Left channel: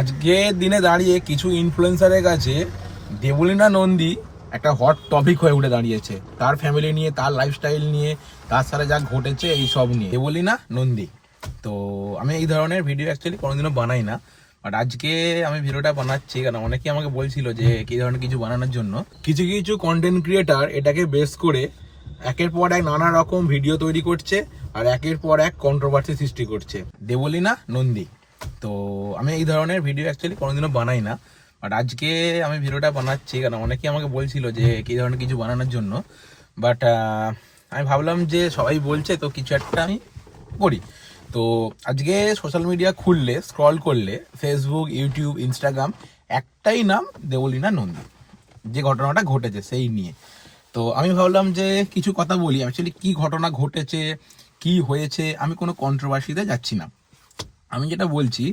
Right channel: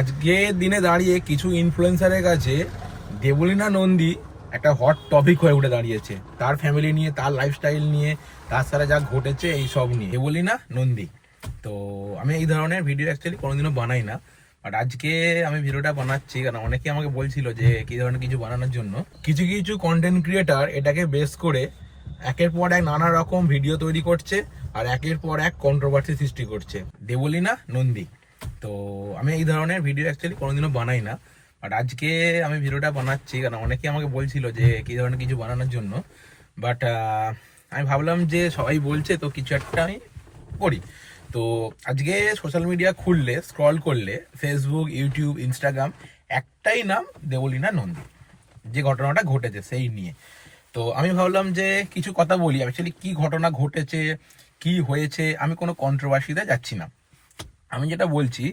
আজকে দিনে দাঁড়িয়ে কিছু ইনফ্লুয়েন্সারের কাছে দেবলীনা নন্দী একটা হট টপিক হয়ে উঠে দাঁড়িয়েছে। তার ফ্যামিলি নিয়ে, তার লাইফস্টাইল নিয়ে, তার সাথে যা ঘটেছে এই সব নিয়ে দেবলীনা নন্দী। তো আমি এই ধরনের ভিডিও অ্যাকচুয়ালি কোনোদিনও বানাই না, বাট আজকে আমি ভিডিওটা বানাচ্ছি কারণ অনেকে আমাকে বলছিল যে কি ধরনের কিছু বানানোর জন্য। কিছু কিছু কন্টেন্ট ক্রিয়েটার এটাকে বেস করে একের পর এক নানা রকম ভিডিও তৈরি করছে আর একের পর এক কন্ট্রোভার্সি সৃষ্টি করছে। দেবলীনা নন্দী। তো আমি এই ধরনের ভিডিও অ্যাকচুয়ালি কোনোদিনও বানাই না, বাট আজকে আমি ভিডিওটা বানাচ্ছি কারণ অনেকে আমাকে বলছিল যে কি ধরনের কিছু বানানোর জন্য। বাট আমি ভাবলাম যে সবাই বলছে তো কিছু একটা আমি করি। তো আজকে সোশ্যাল মিডিয়া খুললে, স্ক্রল করলে, ফেসবুক, ইউটিউব, ইনস্টাগ্রাম, একটাই নাম দেবলীনা নন্দী, যে ঘটনাটা ঘটেছে সেই নিয়ে। তো আমি ভাবলাম যে কিছু কথা বলি, অ্যাকচুয়ালি কি ঘটনা ঘটেছে, কি হয়েছে। আমি কোনো কন্ট্রোভার্সিতে যাচ্ছি না। আমি যেটা বলছি,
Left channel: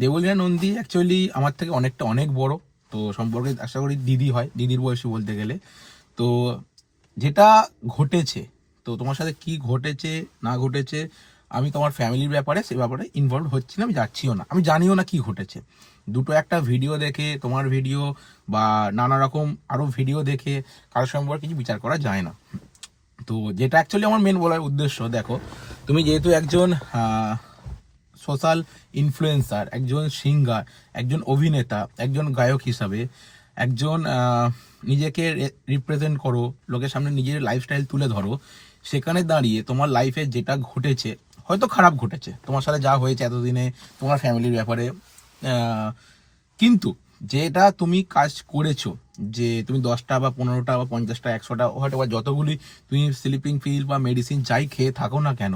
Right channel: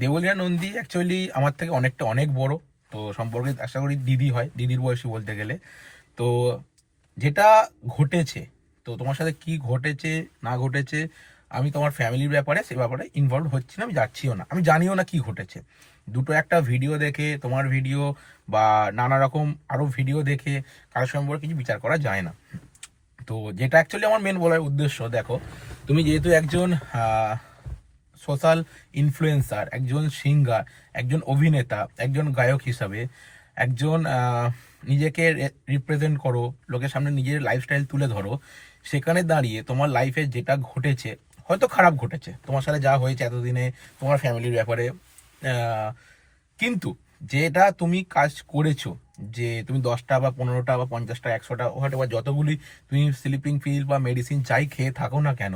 দেবলীনা নন্দী অ্যাকচুয়ালি আমার থেকে অনেক বড়। তো সম্পর্কে আশা করি দিদি হয়, দিদির বয়সী বলতে গেলে। তো যেটা ঘটেছে, তো তোমার সাথে কি ঘটেছে না ঘটেছে, আমি তোমার ফ্যামিলির ব্যাপারে সে ব্যাপারে ইনভলভ হচ্ছি না, আমি যাচ্ছিও না, আমি জানিও না কি ঘটেছে। দুটো একটা ভিডিও দেখে, তোমার ভিডিও বা নানা রকম আরও ভিডিও দেখে কারোর সম্পর্কে কিছু বিচার করা যায় না। তো যেটা অ্যাকচুয়ালি আমার মেন বলার উদ্দেশ্য, দেখো তুমি যেহেতু একজন সোশ্যাল ইনফ্লুয়েন্সার, একজন সিঙ্গার, একজন অভিনেতা, একজন গায়ক হিসাবে একজন নিজেকে রিপ্রেজেন্ট করো, লোকের সামনে নিজের লাইফস্টাইল তুলে ধরো, সেখানে দাঁড়িয়ে তোমার লাইফে যেটা ঘটেছে, হয়তো খারাপ ঘটেছে তোমার সাথে যা হয়েছে এতদিনে তোমার ফ্যামিলির ব্যাপারে, কিন্তু যেটা তুমি কাজ করেছো, যে তুমি 10টা বা 15টা বা 50টা 100টা হয়তো বা যতগুলি তুমি স্লিপিং পিল বা মেডিসিন যাই খেয়ে থাকো না কেন,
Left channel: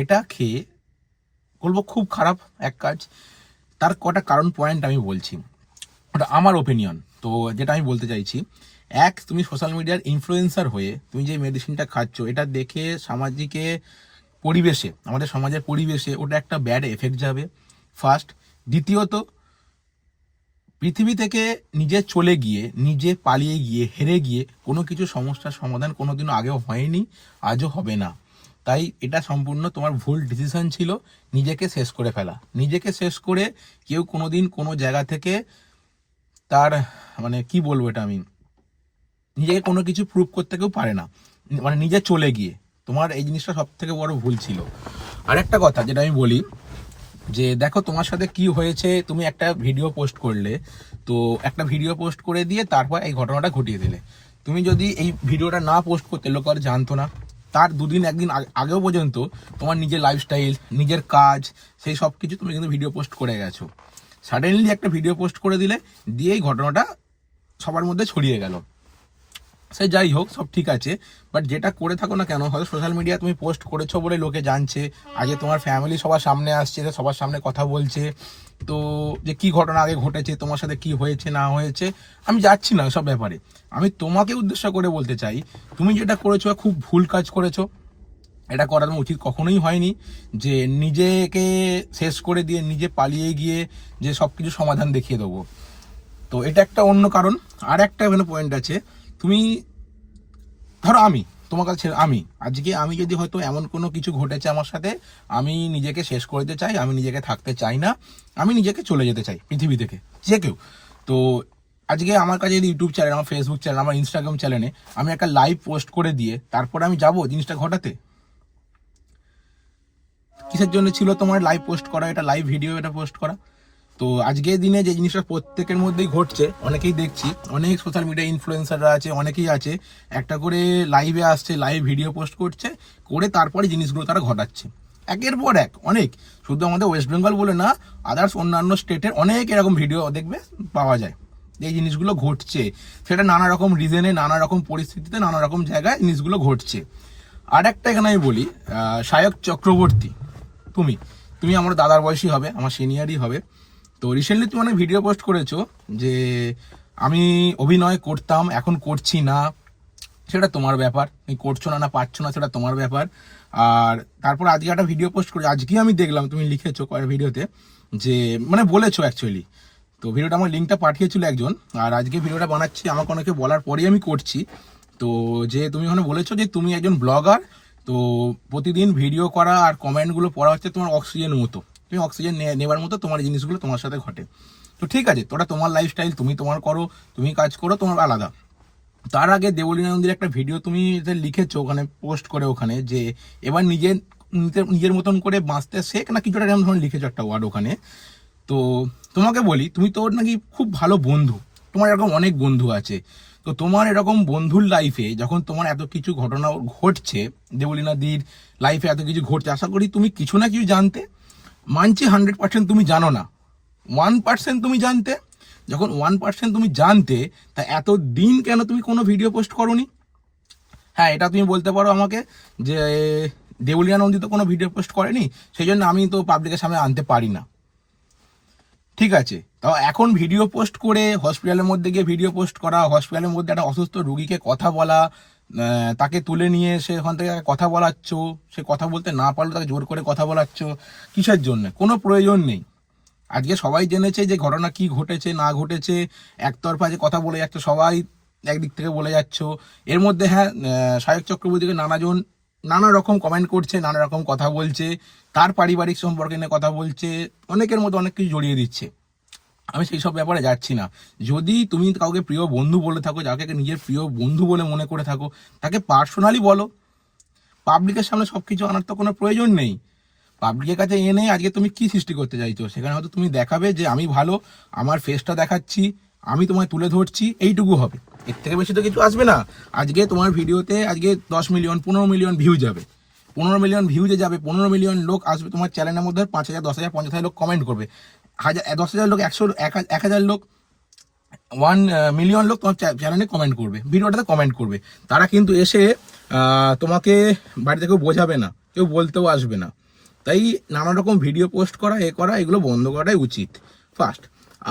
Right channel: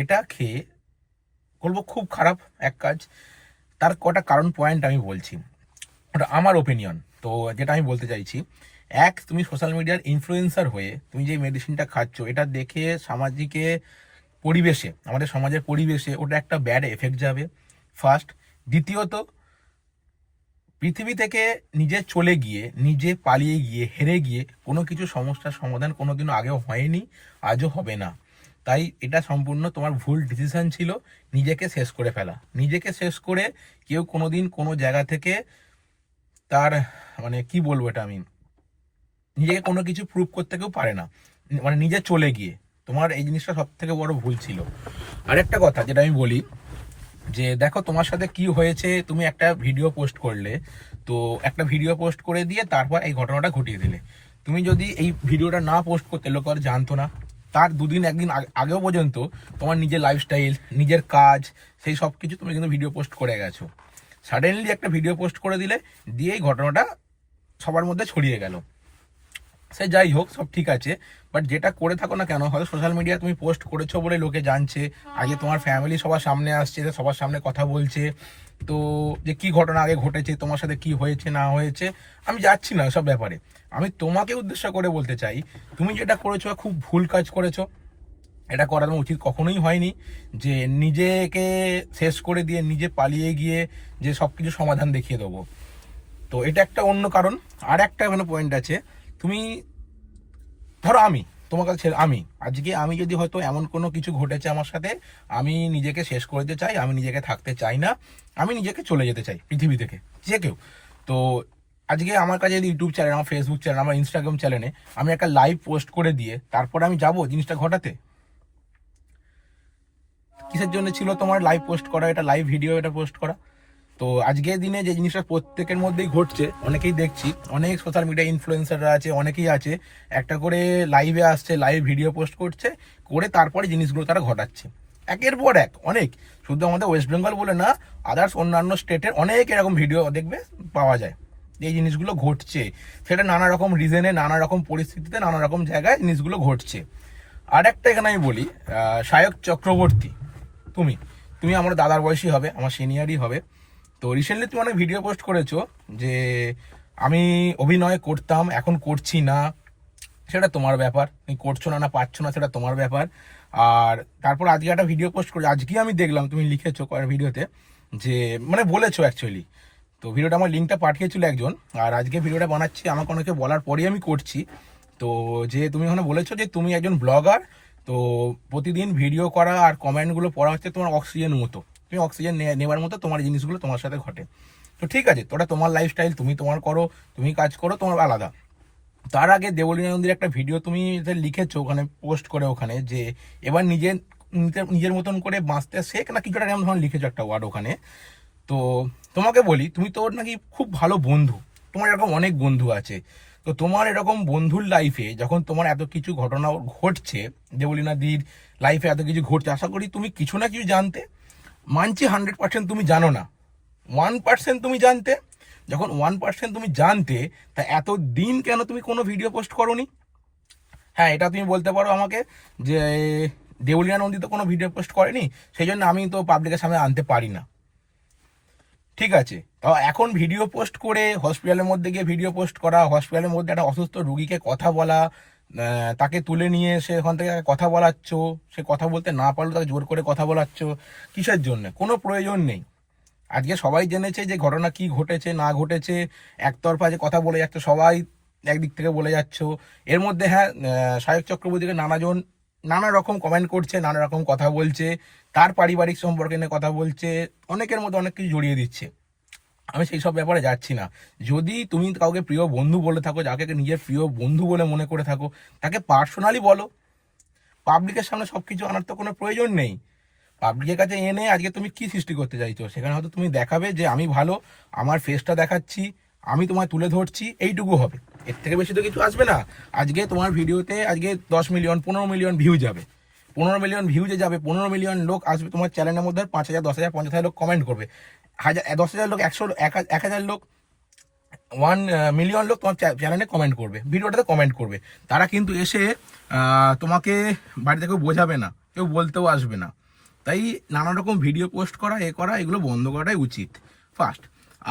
এটা খেয়ে বলবো খুব খারাপ এক কাজ। তার কটা কারণ পয়েন্ট আমি বলছি, ওটা আমার ওপিনিয়ন। তো যেটা আমি বলতে চাইছি, এক, তুমি সোশ্যাল মিডিয়ার ইনফ্লুয়েন্সার হয়ে তুমি যে মেডিসিনটা খাচ্ছ, এটা দেখে সামাজিকে পরিবেশে, আমাদের সমাজের পরিবেশে ওটা একটা ব্যাড এফেক্ট যাবে, ফার্স্ট। দ্বিতীয়ত, পৃথিবী থেকে নিজে চলে গিয়ে, নিজে পালিয়ে গিয়ে, হেরে গিয়ে কোনো কিছু সমস্যার সমাধান কোনোদিনও আগেও হয়নি, আজও হবে না। তাই এটা সম্পূর্ণ তোমার ভুল ডিসিশন ছিল, নিজেকে শেষ করে ফেলা। নিজেকে শেষ করে কেউ কোনোদিন কোনো জায়গা থেকে তার, মানে কি বলবো এটা, আমি নিজেকে কোনো কিছু প্রুভ করতে কেউ পারে না, মানে নিজে চলে গিয়ে। তোমার এই জিনিসটা সব থেকে বড় ভুল ছিল। আরেকটা কথা যেটা আমি বলি, যে দেখো তোমার সাথে কি হয়েছে, তুমি একটা ভিডিও পোস্ট করলে, তো একটা ভিডিও পোস্ট করে দিয়ে তারপর এই ঘটনাটা ঘটিয়ে দিলে। তুমি যদি এই ভিডিওটা না পোস্ট করতে, লোক আর জানতো না, তার দুদিন একদিন আগেও পর্যন্ত তোমার নিজের লাইফস্টাইল, নিজের কাজ, সেই সব কিছু তুমি কিন্তু ভিডিও পোস্ট করে গেছো। সাডেনলি একটা ভিডিও পোস্ট করে দিলে, দিয়ে এই ঘটনাটা সবার মধ্যে ছড়িয়ে গেল। সে যাই হোক, সব ঠিক আছে, বাট যেটা করে থাকো না কেন, হয়তো সোশ্যাল মিডিয়া তুমি পোস্ট করেছো বলে লোকে জানছে, আগে তোমার ফ্যামিলি সবার সামনে আসছে, সবার সামনে কথা বলছে, তো যে কি ঘটনা আগে ঘটেছে, তোমার সাথে কি হয়েছে না হয়েছে, আমি যাচ্ছি না এসব ব্যাপারে। আমি তোমাকে উদ্দেশ্য করে বলতে চাই, তুমি যেটা করেছো খুব ভুল কাজ করেছো। এটা করা তোমার উচিত কখনোই হয়নি, যে নিজেকে শেষ করে দিয়ে নিজে পালিয়ে গিয়ে যে সব কিছু সমাধান দেখিয়ে দেবো। তো এটা একটা অন্য কারণ। আর একটা এখানে পয়েন্ট আছে, তুমি ধরো আমি তোমার কাছে, আমি আজকে আমি যদি হয়তো এমন কোনো কিছু ঘটেছে আমার সাথে, আমি নিজেকে শেষ করে দিতে চাই, আমি নিজেকে থাকতে চাই না, আমি নিজেকে চলে যেতে চাই পৃথিবী থেকে, যে কেউ। তো আজকে আমার কাছে যদি ইউটিউব চ্যানেল, আমার ফেসবুক চ্যানেল, আমার ইনস্টাগ্রাম চ্যানেলে আমি একটা লাইভ পোস্ট করে দিয়ে তারপর আমি যাব জিনিসটা ঘটাতে? কিসের জন্য ছিল তোমার লাইভ পোস্ট করা, এটা লাইভ ভিডিও এটা পোস্ট করা? তো আজকের দিনে যে জিনিসটা প্রত্যেকের মধ্যেই ঘটছে, অনেকেই দেখছি, অনেক সোশ্যাল মিডিয়া ইনফ্লুয়েন্সাররা আছে, অনেকেই আছে, একটা করে লাইভে আসছে, লাইভ ভিডিও পোস্ট করছে, করে তারপরে জিনিসগুলো তারা ঘটাচ্ছে একের পর এক। অনেক, শুধু আমাদের ওয়েস্ট বেঙ্গল বলে না, আদার্স অন্যান্য স্টেটের অনেক এরকম ভিডিও দেখবে পাওয়া যায়। এই জিনিসগুলো ঘটছে, সেটা নানা রকম রিজনে, নানা রকম পরিস্থিতিতে, নানা রকম জায়গায় জিনিসগুলো ঘটছে। আর একটা এখানে আমি বলি, সায়ক চক্রবর্তী, তুমি তুমি আমার দাদার বয়সী হবে, আমার সিনিয়রই হবে। তো রিসেন্টলি তুমি অনেক ভিডিও পোস্ট করেছো যে আমি অভিনয় করতাম, এখন করছি না, সেটা তোমার ব্যাপার, তুমি করছো না না পারছো না সেটা তোমার ব্যাপার। আর তারপর আজকে একটা ভিডিও পোস্ট করে, আজকেই আমি দেখলাম তুমি লিখেছো কয়েক ভিডিওতে, যে মানে বলেছো অ্যাকচুয়ালি, তো ভিডিওটা আমার লিঙ্কটা পাঠিয়েছিল একজন, আর আজকে ভিডিওটা বানাচ্ছি আমাকে অনেকে বলার পরেই আমি করছি। তো যে তুমি ওখানে বলেছো যে তুমি একজন ব্লগার, তো প্রতিদিন ভিডিও করা আর কমেন্টগুলো পড়া হচ্ছে তোমার অক্সিজেন মতো, তুমি অক্সিজেন নেবার মতো তোমার জিনিসগুলো তোমার সাথে ঘটে। তো ঠিক আছে, তোটা তোমার লাইফস্টাইল, তুমি তোমার করো, তুমি কাজ করো, তোমার আলাদা। তার আগে দেবলীনা নন্দীর একটা ভিডিও তুমি যে লিখেছো ওখানে পোস্ট করে, ওখানে যে এবার নিজের মতন করে বাঁচতে শেখ না কিছুটা এরকম ধরনের লিখেছো একটা ওয়ার্ড ওখানে। তো তোমাকে বলি, তুমি তোর নাকি খুব ভালো বন্ধু, তোমার এরকম অনেক বন্ধু আছে। তো তোমার এরকম বন্ধুর লাইফে যখন তোমার এত কিছু ঘটনা ঘটছে, দেবলীনাদির লাইফে এত কিছু ঘটছে, আশা করি তুমি কিছু না কিছু জানতে। মানছি 100% তুমি জানো না, 1% তুমি জানতে। যখন 1% তুমি জানতে, তা এত দিন কেন তুমি কোনো ভিডিও পোস্ট করোনি? হ্যাঁ, এটা তুমি বলতে পারো আমাকে যে দেবলীনা নন্দী তো কোনো ভিডিও পোস্ট করেনি, সেই জন্য আমি তো পাবলিকের সামনে আনতে পারি না। ঠিক আছে, তাও এখন ভিডিও পোস্ট করে হসপিটালের মধ্যে গিয়ে ভিডিও পোস্ট করা, হসপিটালের মধ্যে একটা অসুস্থ রুগীকে কথা বলা, তাকে তুলে নিয়ে এসে ওখান থেকে কথা বলাচ্ছ, সে কথা বলতে না পারলে তাকে জোর করে কথা বলাচ্ছ, কিসের জন্য? কোনো প্রয়োজন নেই। আজকে সবাই জেনেছে যে ঘটনা কি ঘটেছে না ঘটেছে, একতরফা যে কথা বলে যাচ্ছে, সবাই একদিক থেকে বলে যাচ্ছ। এর মধ্যে হ্যাঁ, সায়ক চক্রবর্তীকে নানা রকম কমেন্ট করছে, নানা রকম কথা বলছে, তার পারিবারিক সম্পর্কে নিয়ে কথা বলছে, অনেকের মধ্যে অনেক কিছু জড়িয়ে দিচ্ছে। আমি সেই সব ব্যাপারে যাচ্ছি না। যদি তুমি কাউকে প্রিয় বন্ধু বলে থাকো, যাকে নিজের প্রিয় বন্ধু বলে মনে করে থাকো, তাকে পার্সোনালি বলো। পাবলিকের সামনে সবকিছু আনার তো কোনো প্রয়োজন নেই। পাবলিকের কাছে এনে আজকে তুমি কি সৃষ্টি করতে চাইছো? সেখানে হয়তো তুমি দেখাবে যে আমি ভালো, আমার ফেসটা দেখাচ্ছি, আমি তোমায় তুলে ধরছি, এইটুকু হবে। এর থেকে বেশি তো কিছু আসবে না। আজকে তোমার ভিডিওতে আজকে 10 মিলিয়ন 15 মিলিয়ন ভিউ যাবে, 15 মিলিয়ন ভিউজে যাবে, 15 মিলিয়ন লোক আসবে তোমার চ্যানেলের মধ্যে, 5,000 10,000 50,000 লোক কমেন্ট করবে, 10,000 লোক 1,000 লোক 1 মিলিয়ন লোক তোমার চ্যানেলে কমেন্ট করবে, ভিডিওটাতে কমেন্ট করবে। তারা কিন্তু এসে তোমাকে বাড়িতে কেউ বোঝাবে না, কেউ বলতেও আসবে না। তাই নানা রকম ভিডিও পোস্ট করা, এগুলো বন্ধ করাটাই উচিত ফার্স্ট।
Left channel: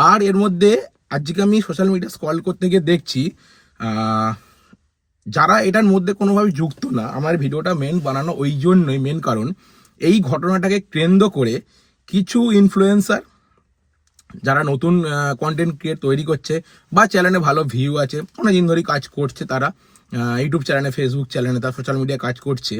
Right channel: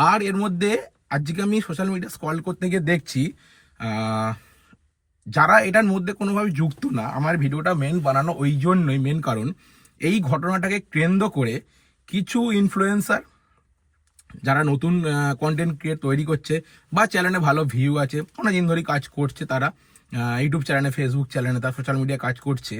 আর এর মধ্যে আজকে আমি সোশ্যাল মিডিয়া স্ক্রল করতে গিয়ে দেখছি যারা এটার মধ্যে কোনোভাবে যুক্ত না, আমার ভিডিওটা মেন বানানো ওই জন্যই, মেন কারণ এই ঘটনাটাকে কেন্দ্র করে কিছু ইনফ্লুয়েন্সার যারা নতুন কন্টেন্ট ক্রিয়েট তৈরি করছে বা চ্যানেলে ভালো ভিউ আছে, অনেকদিন ধরেই কাজ করছে, তারা ইউটিউব চ্যানেলে, ফেসবুক চ্যানেলে, তার সোশ্যাল মিডিয়ায় কাজ করছে,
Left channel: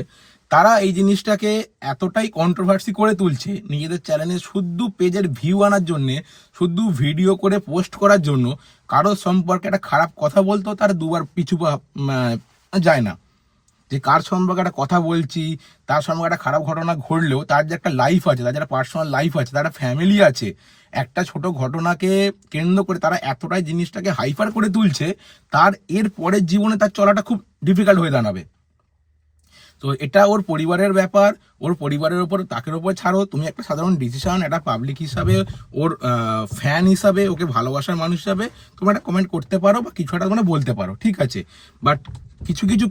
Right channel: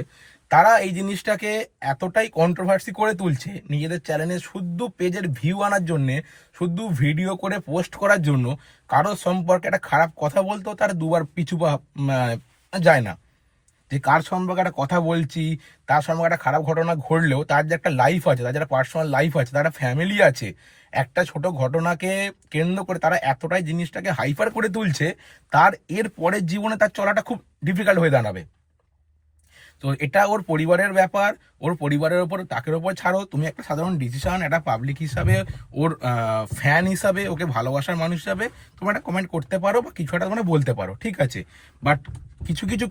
তারা এই জিনিসটাকে এতটাই কন্ট্রোভার্সি করে তুলছে নিজেদের চ্যানেলে শুধু পেজের ভিউ আনার জন্যে, শুধু ভিডিও করে পোস্ট করার জন্য। কারোর সম্পর্কে একটা খারাপ কথা বলতেও তার দুবার পিছু যায় না। যে কার সম্পর্কে একটা কথা বলছি, তার সম্পর্কে একটা খারাপ ঘটনা ঘটলেও তার যে একটা লাইফ আছে, তার একটা পার্সোনাল লাইফ আছে, তার একটা ফ্যামিলি আছে, একটা ছোট ঘটনাকে কেন্দ্র করে তারা এতটাই জিনিসটাকে হাইপার করে তুলছে, তার এর পরের জীবনে তার চলাটা খুব ডিফিকাল্ট হয়ে দাঁড়াবে। তো এটা ওর পরিবারের ব্যাপার, ওর পরিবারের ওপর, তাকের ওপর ছাড়ো। তুমি একটা সাধারণ ডিসিশন, একটা পাবলিক হিসাবে, ওর ফ্যান হিসাবে, ওকে ভালোবাসার মানুষ হিসাবে তুমি একটা কমেন্ট করতে পারো বা কিছু একটা মানে বলতে পারো, ঠিক আছে। বাট কিছু কিছু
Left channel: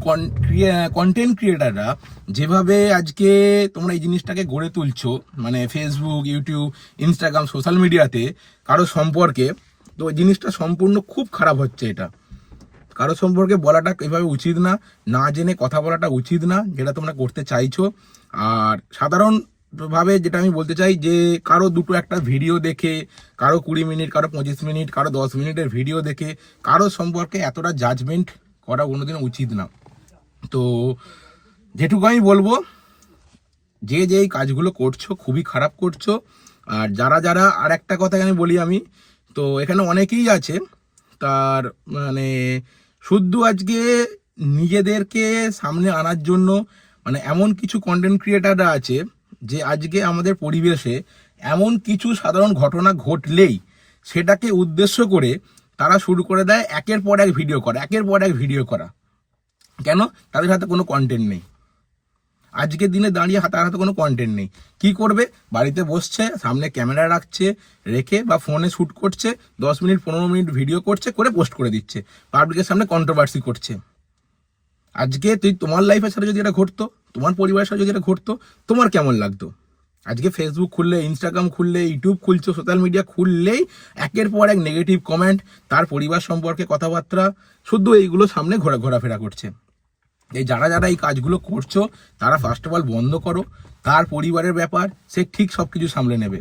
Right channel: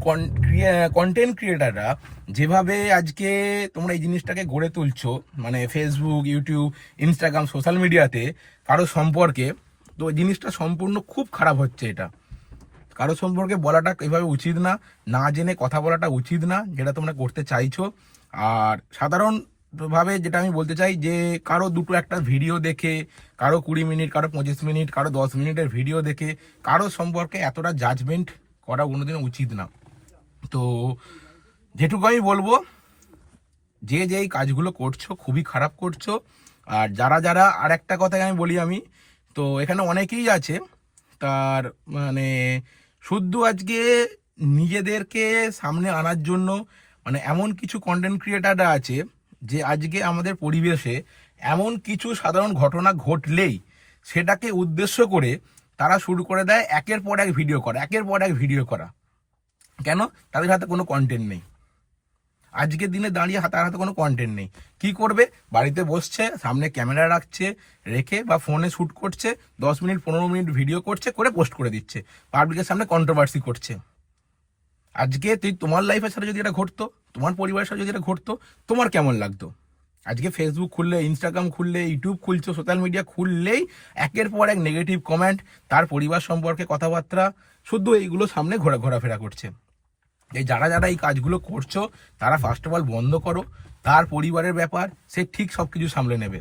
কন্টেন্ট ক্রিয়েটাররা যেভাবে আজকে তোমরা এই জিনিসটাকে গড়ে তুলছো, মানে ফেসবুক, ইউটিউব, ইনস্টাগ্রাম, সোশ্যাল মিডিয়াতে কারো সম্পর্কে, তো ওই জিনিসটা সম্পূর্ণ খুব খারাপ হচ্ছে। এটা কারো সম্পর্কে বলাটা এভাবে উচিত না, না জেনে কথা বলাটা উচিত না, যেটা তোমরা করতে চাইছো। আর সাধারণভাবে যেটা আমি বলতে চাই যে কারো দুটো একটা ভিডিও দেখে, কারো 20 মিনিট, কারো 25 মিনিট, কারো 10 মিনিটের ভিডিও দেখে কারো সম্পর্কে এতটা জাজমেন্ট করা কোনোদিনও উচিত না। তো যেটুকু আমি বলবো, যে এই কাজগুলো করছো খুবই খারাপ করছো। আর যারা যারা, আর একটা কথাই আমি বলি, আমি তো এখানে অনেকেই আছে তার মানে শুদ্ধ আজকে নিজেদেরকে সামনে আনার জন্য, মানে এমন কিছু কন্টেন্ট ক্রিয়েটাররা আছে যে আজকে আমাদের পরিবেশে এমন কিছু সাধারণ ঘটনা ঘটলেই সেটাকে উদ্দেশ্য করে তারা শুরু করে দেয় একের পর এক ভিডিও করা, একের পর এক ভিডিও করা। কেন? তাদের হাতে কোনো কন্টেন্ট নেই। আজকের দিনে দাঁড়িয়ে তার হাতে কোনো কন্টেন্ট নেই। কি করবে? বাড়িতে বসছে, সামনে ক্যামেরা রাখছে, রেখে বা ফোনে শ্যুট করছে, 10 মিনিট 15 মিনিট ভিডিও করছে, করে পোস্ট করে দিচ্ছে, পাবলিকের সামনে কন্ট্রোভার্সি করছে। আজকে তোমার লাইফের সাথে যদি এটা ঘটতো, তোমার পরিবারের সাথে যদি এটা ঘটতো, তোমার কেমন লাগতো? আজকে ফেসবুক খুললে, ইনস্টাগ্রাম খুললে, ইউটিউব খুলছো, সোশ্যাল মিডিয়া খুললেই একের পর এক নেগেটিভ কমেন্ট, তার পরিবার সম্পর্কে কথাবার্তা, শুধু এইগুলো সামনে ঘোরাফেরা করছে। এই যারা যারা এই কাজগুলো করছো, তারা ফার্স্ট অফ অল বন্ধ করো। তার পরিবারের ব্যাপার, সে ঠিক সবকিছু সামলে নেবে,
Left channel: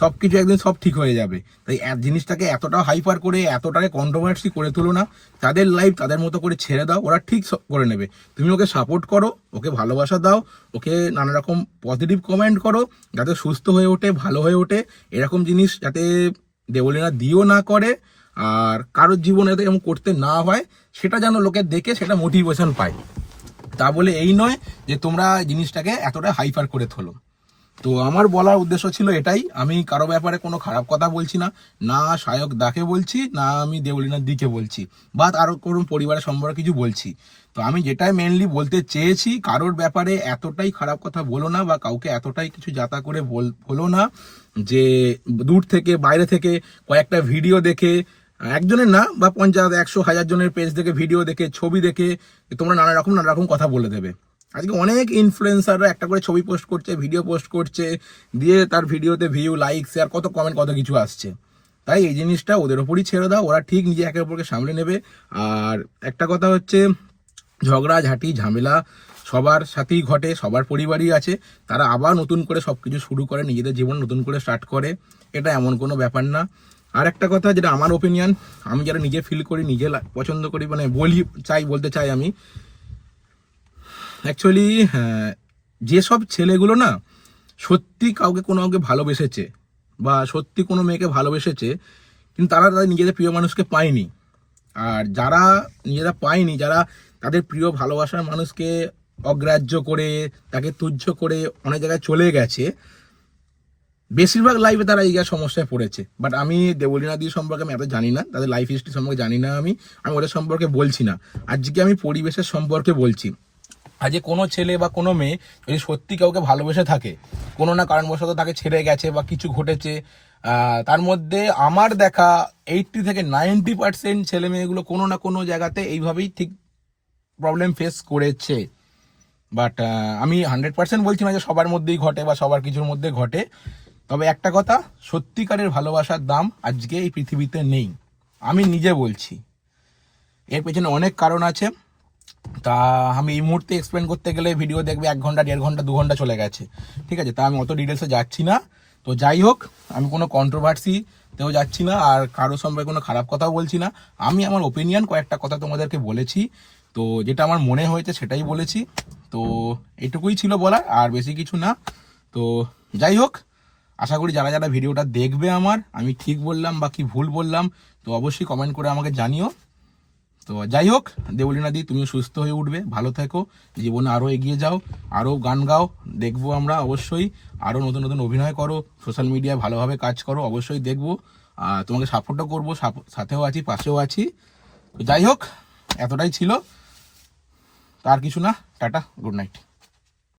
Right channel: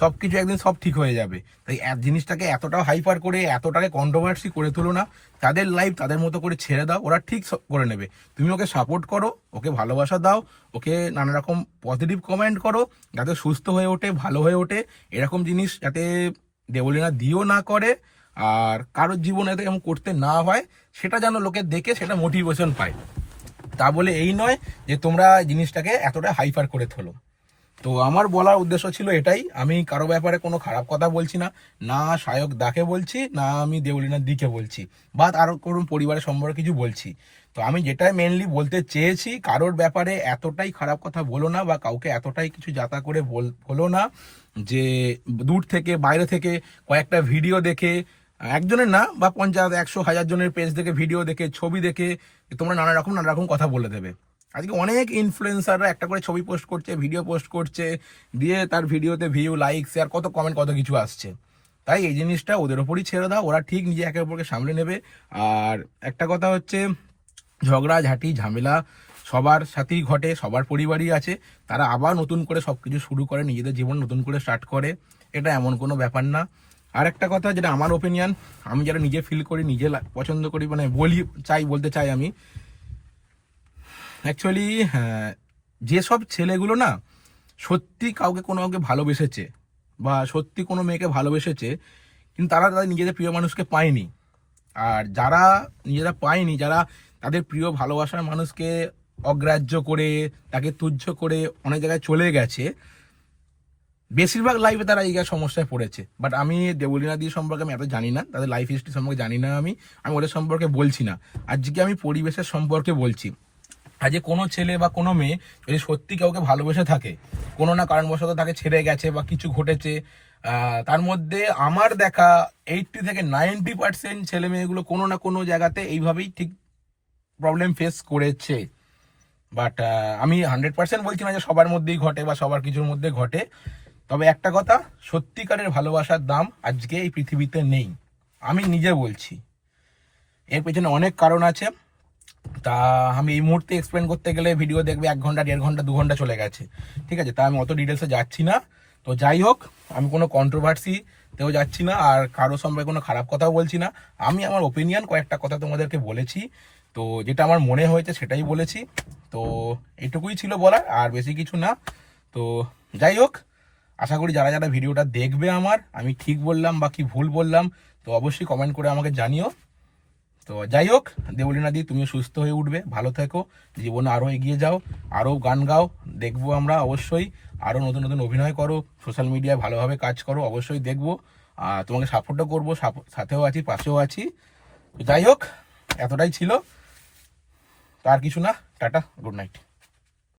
সবকিছু একদিন সব ঠিক হয়ে যাবে। তাই জিনিসটাকে এতটা হাইপার করে, এতটাকে কন্ট্রোভার্সি করে তুলো না। তাদের লাইফ তাদের মতো করে ছেড়ে দাও, ওরা ঠিক করে নেবে। তুমি ওকে সাপোর্ট করো, ওকে ভালোবাসা দাও, ওকে নানা রকম পজিটিভ কমেন্ট করো, যাতে সুস্থ হয়ে ওঠে, ভালো হয়ে ওঠে। এরকম জিনিস যাতে দেবলীনা দিও না করে, আর কারোর জীবনে যাতে এমন করতে না হয় সেটা যেন লোকে দেখে সেটা মোটিভেশন পায়। তা বলে এই নয় যে তোমরা জিনিসটাকে এতটা হাইপার করে তোলো। তো আমার বলার উদ্দেশ্য ছিল এটাই। আমি কারো ব্যাপারে কোনো খারাপ কথা বলছি না, না সায়ক দাকে বলছি, না আমি দেবলীনার দিকে বলছি, বা আরও কোনো পরিবারের সম্পর্কে কিছু বলছি। তো আমি যেটাই মেনলি বলতে চেয়েছি, কারোর ব্যাপারে এতটাই খারাপ কথা বলো না, বা কাউকে এতটাই কিছু যাতা করে বলো না যে দূর থেকে বাইরে থেকে কয়েকটা ভিডিও দেখে, একজনের না বা 50, 100, 1000 জনের পেজ দেখে, ভিডিও দেখে, ছবি দেখে তোমরা নানা রকম কথা বলে দেবে। আজকে অনেক ইনফ্লুয়েন্সাররা একটা করে ছবি পোস্ট করছে, ভিডিও পোস্ট করছে, দিয়ে তার ভিডিওতে ভিউ, লাইক, শেয়ার, কত কমেন্ট, কত কিছু আসছে। তাই এই জিনিসটা ওদের ওপরই ছেড়ে দাও, ওরা ঠিক নিজে একে অপরকে সামলে নেবে। আর একটা কথা হচ্ছে, ঝগড়া ঝাঁটি ঝামেলা সবার সাথেই ঘটে, সবার পরিবারই আছে, তারা আবার নতুন করে সবকিছু শুরু করে, নিজেদের জীবন নতুন করে স্টার্ট করে, এটা এমন কোনো ব্যাপার না। আর একটা কথা, যেটা আমার ওপিনিয়ন, আমি যারা নিজে ফিল করি, নিজে পছন্দ করি, মানে বলতে চাই আমি, অ্যাকচুয়ালি যেসব ছেলেগুলো না সত্যি কাউকে ভালোবেসেছে, বা সত্যি কোনো মেয়েকে ভালোবেসেছে, কিন্তু তারা তাদের নিজেদের প্রিয় মানুষকে পায়নি, আর যারা নিজেরা পায়নি, যারা তাদের প্রিয় ভালোবাসার মানুষকে অগ্রাহ্য করে, তাকে তুচ্ছ করে অনেক জায়গায় চলে গেছে, বেশিরভাগ লাইফে তারা এই সমস্যায় পড়েছে। বাট আমি দেবলীনা দি সম্পর্কে আমি এত জানি না, তাদের লাইফ হিস্ট্রি সম্পর্কে জানি না, আমি ওদের সম্পর্কে বলছি না। আজকে আমি পরিবেশের সম্পর্কে বলছি। আজকে কোনো ছেলে বা কোনো মেয়ে যদি সত্যি কাউকে ভালোবেসে থাকে, কোনো না কারণবশত তাকে ছেড়ে গেছে বা কিছু ঘটেছে, তার মধ্যে আমার দেখা 80 থেকে 90% ছেলে মেয়েগুলো কোনো না কোনো জায়গাতে এইভাবেই ঠিক প্রবলেম ফেস করেছে। বাট আমি 100% বলছি না যে সবার মধ্যেই ঘটে বা সবার কিছুর মধ্যে ঘটে। তবে একটা কথা, সত্যিকারের ভালোবাসার দাম আজকে এই পৃথিবীতে নেই, আমি নিজে বলছি। এর পেছনে অনেক কারণ আছে, তা আমি এই মুহূর্তে এক্সপ্লেন করতে গেলে ভিডিও দেখবে 1 ঘন্টা, 1.5 ঘন্টা, 2 ঘন্টা চলে গেছে, ঠিক আছে? তা আমি অত ডিটেলসে যাচ্ছি না। তো যাই হোক, আমি কোনো কন্ট্রোভার্সিতেও যাচ্ছি না, আর কারো সম্পর্কে কোনো খারাপ কথাও বলছি না। আমি আমার ওপিনিয়ন কয়েকটা কথা তোমাদেরকে বলেছি, তো যেটা আমার মনে হয়েছে সেটাই বলেছি। তো এটুকুই ছিল বলার, আর বেশি কিছু না। তো যাই হোক, আশা করি যারা যারা ভিডিওটা দেখবে আমার, আমি ঠিক বললাম বা কি ভুল বললাম, তো অবশ্যই কমেন্ট করে আমাকে জানিও। তো যাই হোক, দেবলীনা দি, তুমিও সুস্থ হয়ে উঠবে, ভালো থেকো, জীবনে আরও এগিয়ে যাও, আরও গান গাও, দেখবো আমরা অবশ্যই, আরও নতুন নতুন অভিনয় করো, সোশ্যাল মিডিয়ায় ভালোভাবে কাজ করো, অবশ্যই দেখবো, আর তোমাকে সাপোর্টও করবো, সাথেও আছি, পাশেও আছি। তো যাই হোক, এতটাই ছিল, তার কিছু না। Tata, good night.